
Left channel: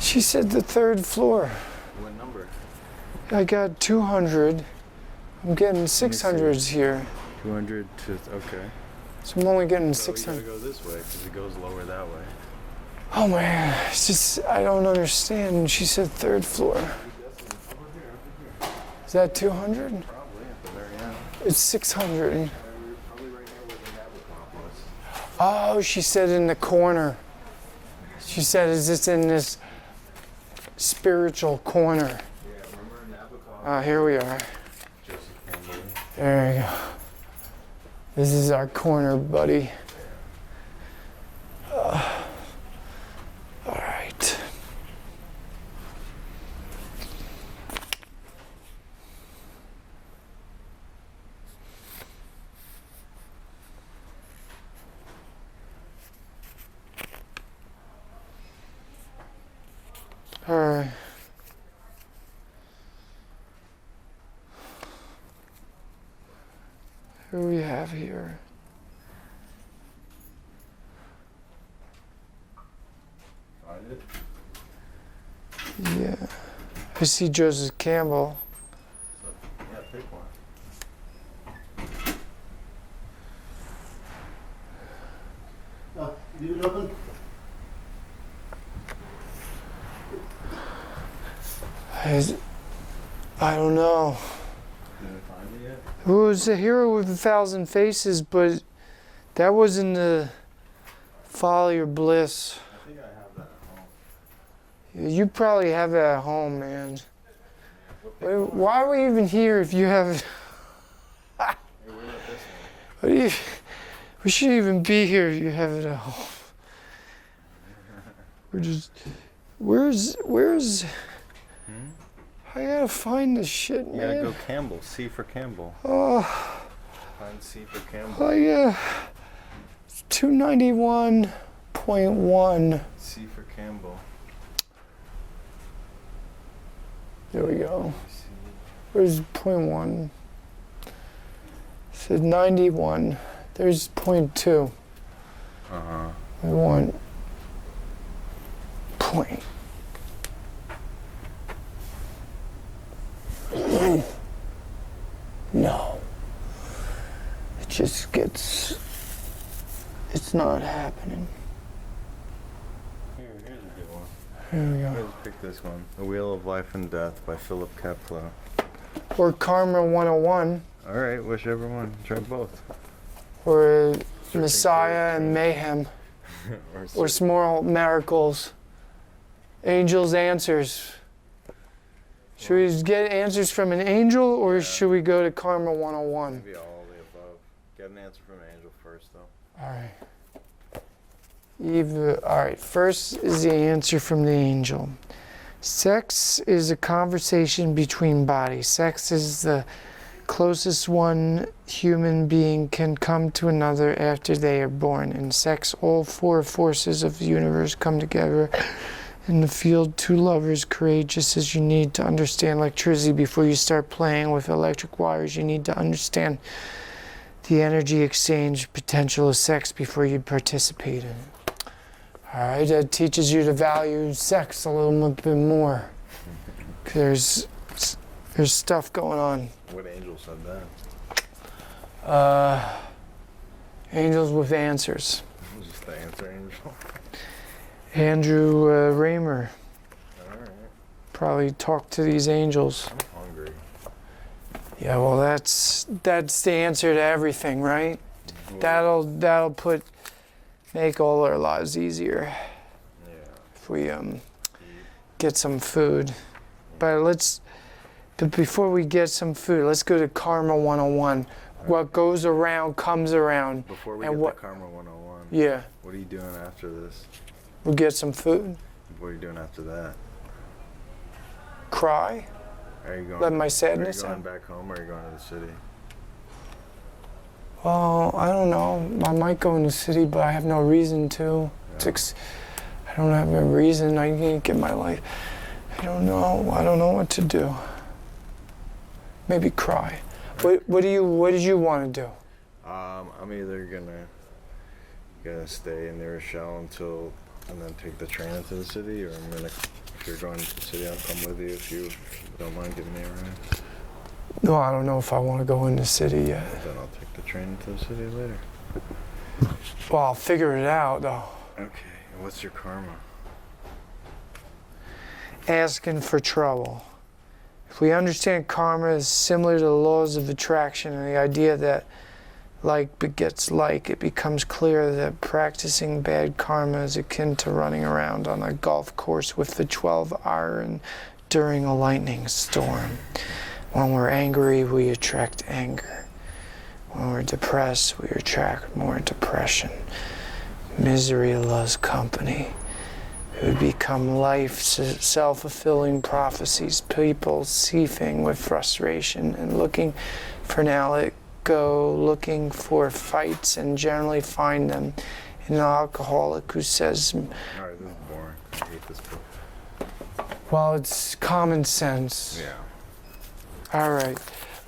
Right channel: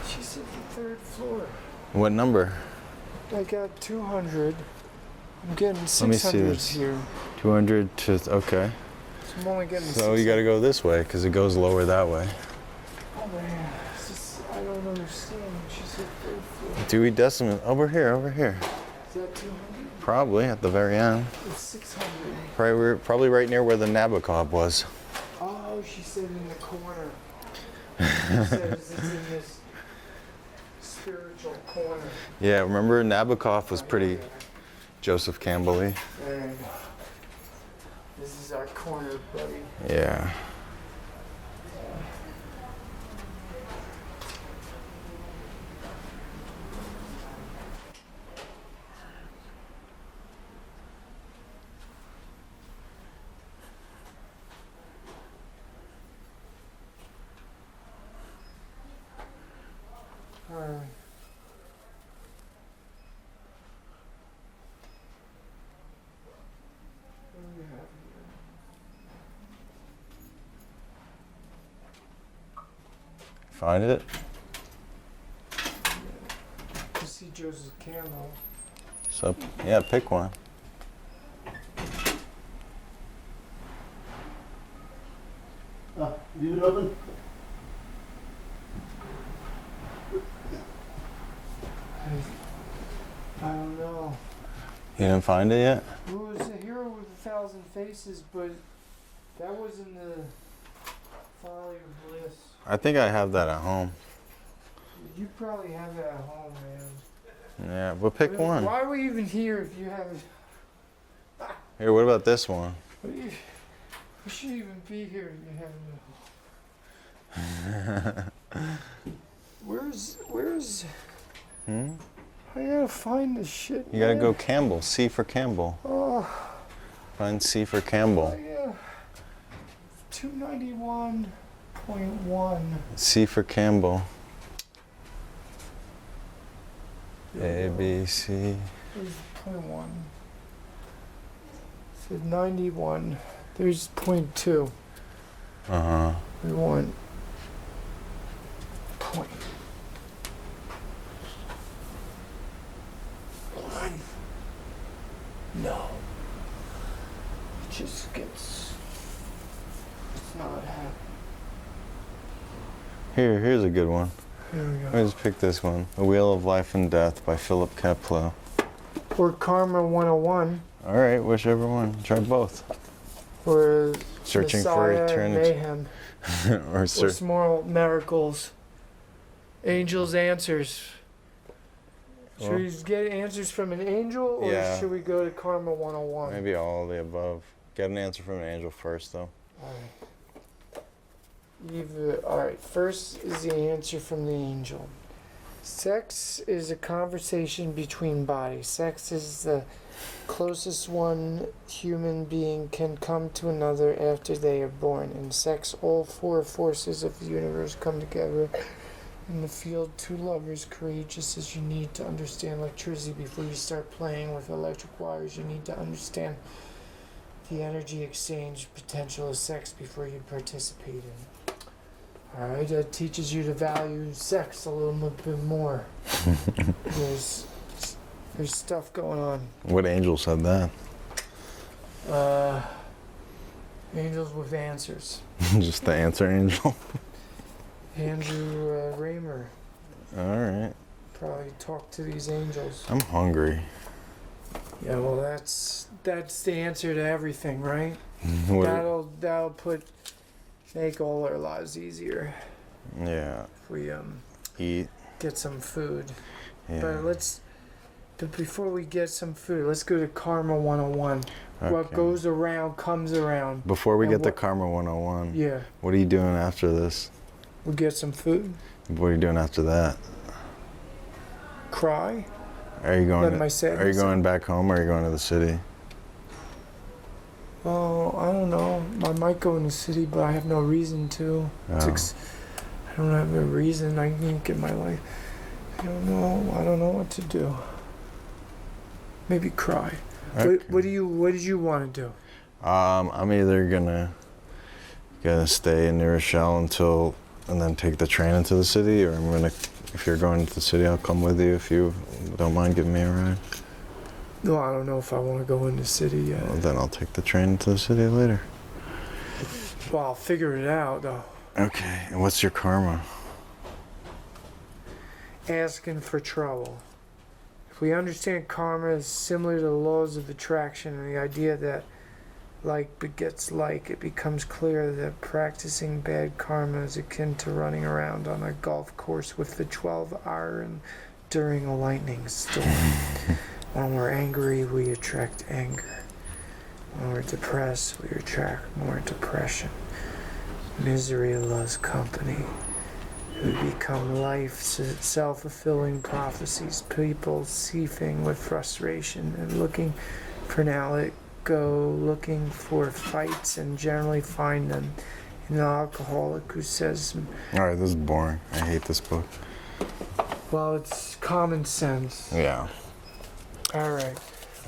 She said the third floor. What number? I got 200. I'm getting 600s here. 200 to, okay. So I'm only getting So 600. you gotta go this way, because it goes lower that way. Oh man, it's just, I don't understand. She said third floor. Dewey Decimal, over here. Is that 200? Probably at the very end. It's 600. Probably right near where the Nabokov was. Oh, she said in the corner. She said, is this in this spiritual corner? Yeah, remember Nabokov was Here we pretty are. Joseph Campbell-y. There you go. This is our corner, buddy. Yeah. All right. All right. Who do we have here? Find it? Yeah. I see Joseph Campbell. So, yeah, pick one. Leave it open. I don't know. You didn't find it yet? It was a hero with 1,000 faces, but that wasn't the folly or bliss. I think I have that at home. You probably have it at home, man. Yeah, but pick I mean, one. why are we even here if you have it? Here, what about this one? We shouldn't even be here if you have it at home. Where's? I gotta find this shit. You gotta go Campbell. C for Campbell. Find C for Campbell. Oh yeah. 291.1. C for Campbell. There we A, go. B, C. Where's .1? Said 91. There's .2. Uh-huh. We want point. just gets, it's not happening. Here's a good one. Here we go. Let me just pick this one. The Wheel of Life and Death by Philip Kepler. Or Karma 101. All right, whichever one. Try both. Or Searching Messiah for and Mayhem. or Or Small Miracles. Angels' Answers. Should we just get answers from an angel, or Yeah. should we go to Karma 101? Maybe all of the above. Get an answer from an angel first, though. All right. All right, first is the answer from the angel. Sex is a conversation between bodies. Sex is the closest one human being can come to another after they are born. In sex, all four forces of the universe come together. In the field, two lovers create just as you need to understand electricity before you start playing with electric wires. You need to understand the energy exchange potential of sex before you participate in it. All right, that teaches you to value sex a little bit more. There's stuff going on. What angel said that? Angels with answers. Just the answer angel. Andrew Raymer All right. probably talked to these angels. I'm hungry. Yeah, well, that's the answer to everything, right? What- That'll make all our lives easier Yeah. if we Eat. get some food. Yeah. But before we get some food, let's go to Karma 101. What Okay. goes around comes around. Before we And get to what- Karma 101, Yeah, what are you doing after this? we'll get some food. What are you doing after that? Cry. Are you going? Let my Are you sadness going back home, or are you going to the city? Oh, I don't know. I might go in the city, but I have no reason to. Oh. I don't have a reason. I can't get my life. I don't know. I don't know what to do. Maybe cry. Okay. What did you want to do? I'm either gonna stay in New Rochelle and then take the train into the city, or I'm gonna. If you're going to the city, I'll come with you if you don't mind giving me a ride. No, I don't know if I want to go in the city yet. Well, then I'll take the train to the city later. Well, I'll figure it out, though. Okay, and what's your karma? Asking for trouble. If we understand karma is similar to the laws of attraction and the idea that like begets like, it becomes clear that practicing bad karma is akin to running around on a golf course with the 12 iron during a lightning storm. When we're angry, we attract anger. When we're depressed, we attract more depression. Misery loves company. It would become life's self-fulfilling prophecies, people seething with frustration and looking for an outlet, go looking for fights and generally find them in an alcoholic who says, All right, this is boring. I hate this book. well, it's common sense. Yeah. All right.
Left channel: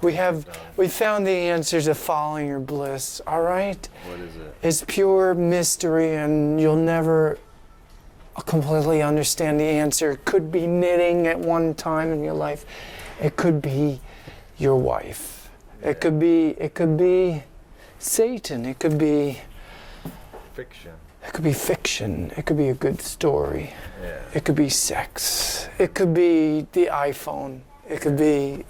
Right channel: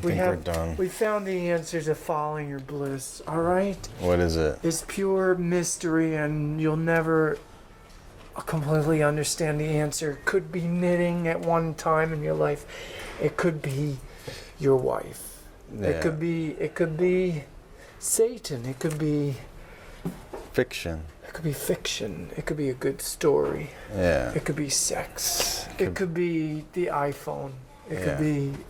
we're done. We found the answer to following your bliss, all right? What is it? It's pure mystery and you'll never completely understand the answer. It could be knitting at one time in your life. It could be your wife. Yeah. It could be Satan. It could be Fiction. fiction. It could be a good story. Yeah. It could be sex. It could be the iPhone. It could be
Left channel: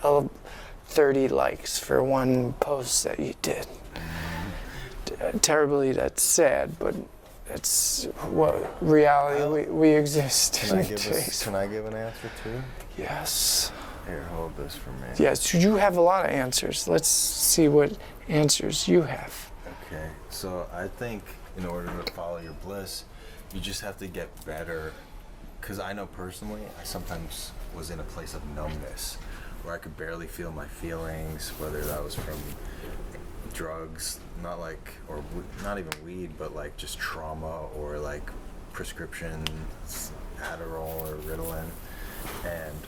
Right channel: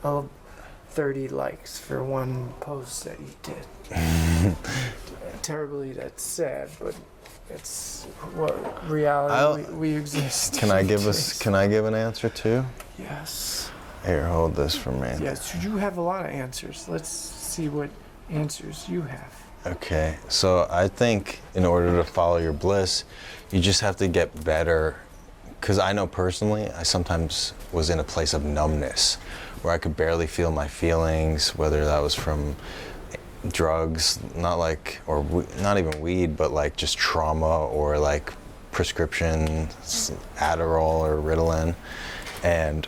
30 likes for one post that you did. Terribly, that's sad, but it's what reality we exist. Can I give an answer too? Yes. Here, hold this for me. Yes, you have a lot of answers. Let's see what answers you have. Okay, so I think in order to follow your bliss, you just have to get better. Because I know personally, I sometimes was in a place of numbness where I could barely feel my feelings, whether that was from drugs, not even weed, but like just trauma or like prescription Adderall or Ritalin. And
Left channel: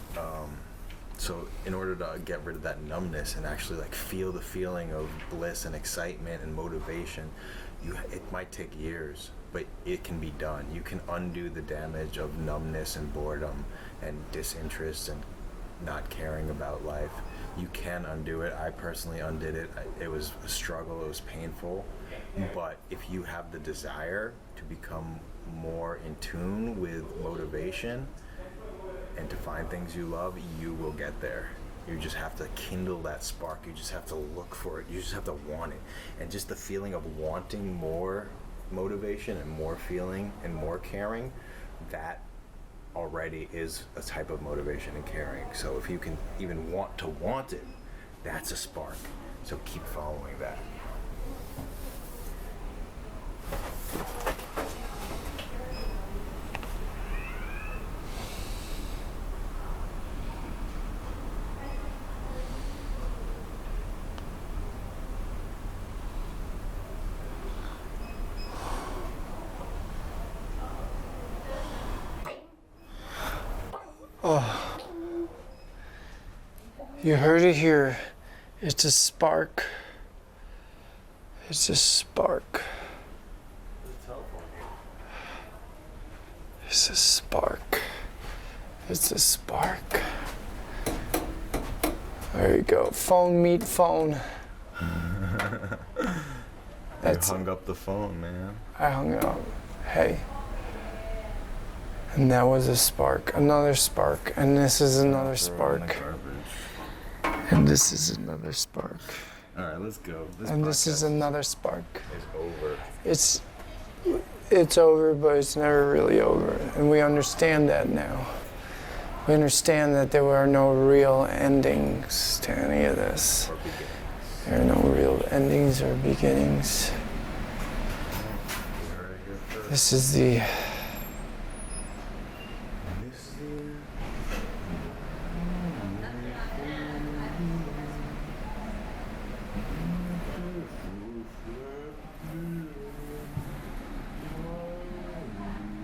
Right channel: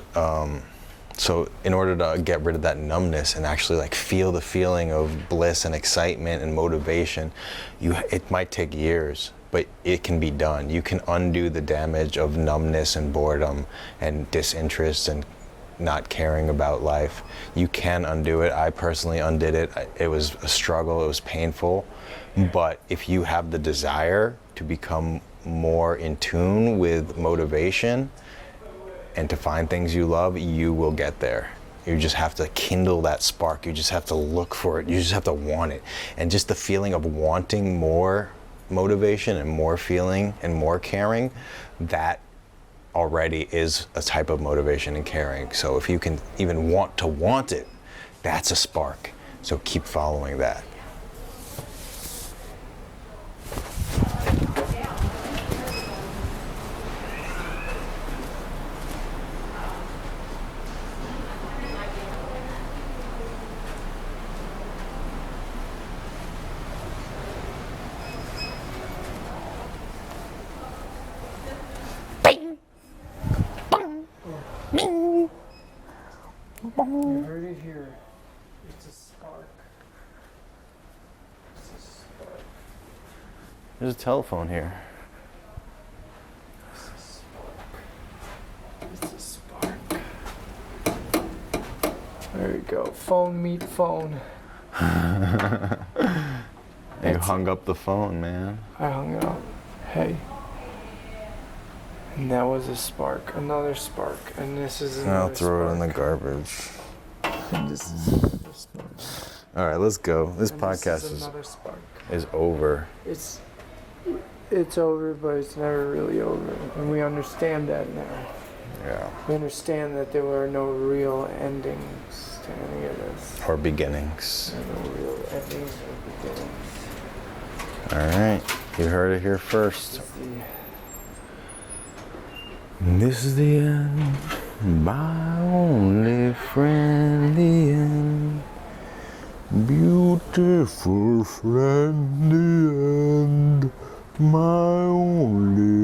so in order to get rid of that numbness and actually like feel the feeling of bliss and excitement and motivation, it might take years, but it can be done. You can undo the damage of numbness and boredom and disinterest and not caring about life. You can undo it. I personally undid it. It was a struggle, it was painful. But if you have the desire to become more in tune with motivation and to find things you love, you will get there. You just have to kindle that spark. You just have to look for it. You just have to want it. And just the feeling of wanting more motivation and more feeling and more caring, that already is a type of motivation and caring. So if you can even want it, that's a spark. So keep following that. You heard it here. It's a spark. It's a spark. There's a telephone here. It's a spark. It's a spark. There you go. Phone meet phone. You hung up the phone, man. I hung it up. Hey. And that was a spark. Another spark. And this is another spark. Throw it in the garbage. And this is another spark. All right, let's go. This and podcast this is another spark. is over. It's over, but it's never really over. And we understand that now. Yeah. We understand that there were no real endings to any of this. Or beginnings. There are no real endings or beginnings. All right, you heard it here first. This is the end, my only friend, the end. Beautiful friend, the end, my only